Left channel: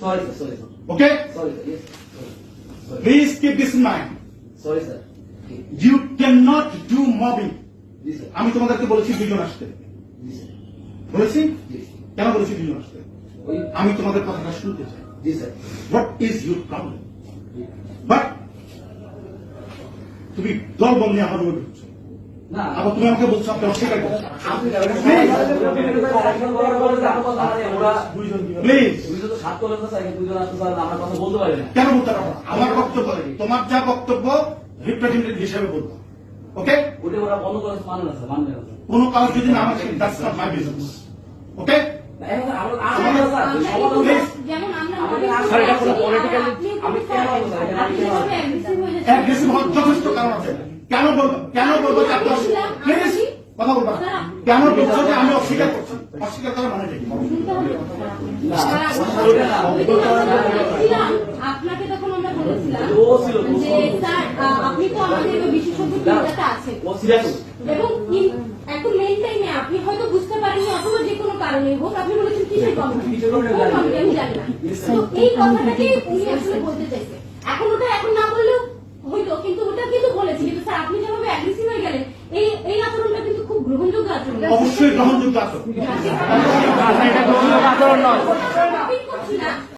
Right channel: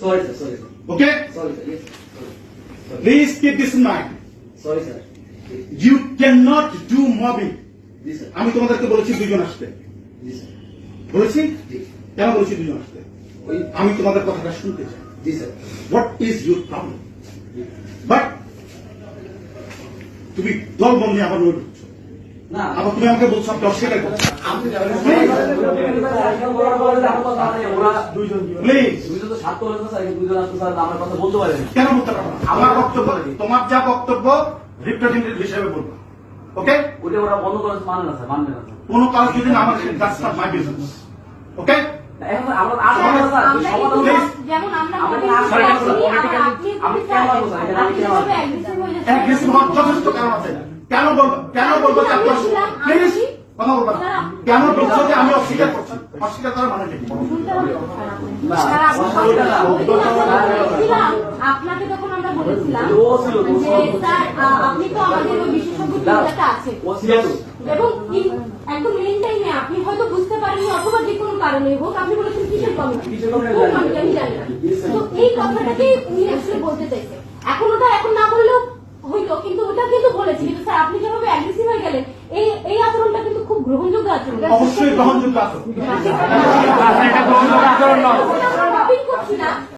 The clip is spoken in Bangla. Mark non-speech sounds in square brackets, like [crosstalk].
Sorry, sir. Sorry, sir. Okay? Sorry, sir. Yes. Sorry. Please keep this in mind. Sorry, sir. You cannot do mobbing. আমি তোমাদেরকে বলেছি দুজন আসতে বলেছি কেন বলেছি দুজন আসতে আমি তোমাদের কথাটা শুনতে চাই what is your problem but তুমি দল বল নিয়ে আবার তুমি আমাকে বলছো আপনি অস্বীকার বলতে পারি কেন বলতে পারব আমার বক্তব্য তোমার যা বক্তব্য রিপ্রেজেন্টেটিভ হিসেবে বলব ওকে ওটা ওরা বন্ধ করে মানে না স্যার মানবে না কোনো কাজ যদি না আমার that's not my business okay এখন আমরা স্যার। যেমন যথেষ্ট কারণ আছে কেন বলব কেন বলব আপনি প্লিজ কথা বলব কেন বলছো যে আমি অস্বীকার করছি অস্বীকার করার মানে নেই শুনতে হবে। না, স্যার, আপনি- কথা বলবেন না। আপনি আমরা বলেছিলাম, আপনাকে তখন আমরা বলেছিলাম। যে স্যার আপনি তো আমাদের বিশেষজ্ঞ এবং একদম মেন টাইমে আপনি হয়তো বুঝতে পারেননি অথবা যে কোনো কারণে হোক আপনি কিসের কমিটি কিসের committee কোন জানি না। committee আমি জানি না এই কথাটাকে উনি আসলে বলতে চাইছে এখন ওটা এখন না বললেও হইল কিন্তু ওটা কিন্তু বলেছি কিন্তু স্যার আপনি যেভাবে অ্যাগ্রেসিভ হয়ে গেলেন এই এই আচরণটা কিন্তু খুব গ্রহণযোগ্য আচরণ অবশ্যই গ্রহণযোগ্য না [laughs] [laughs]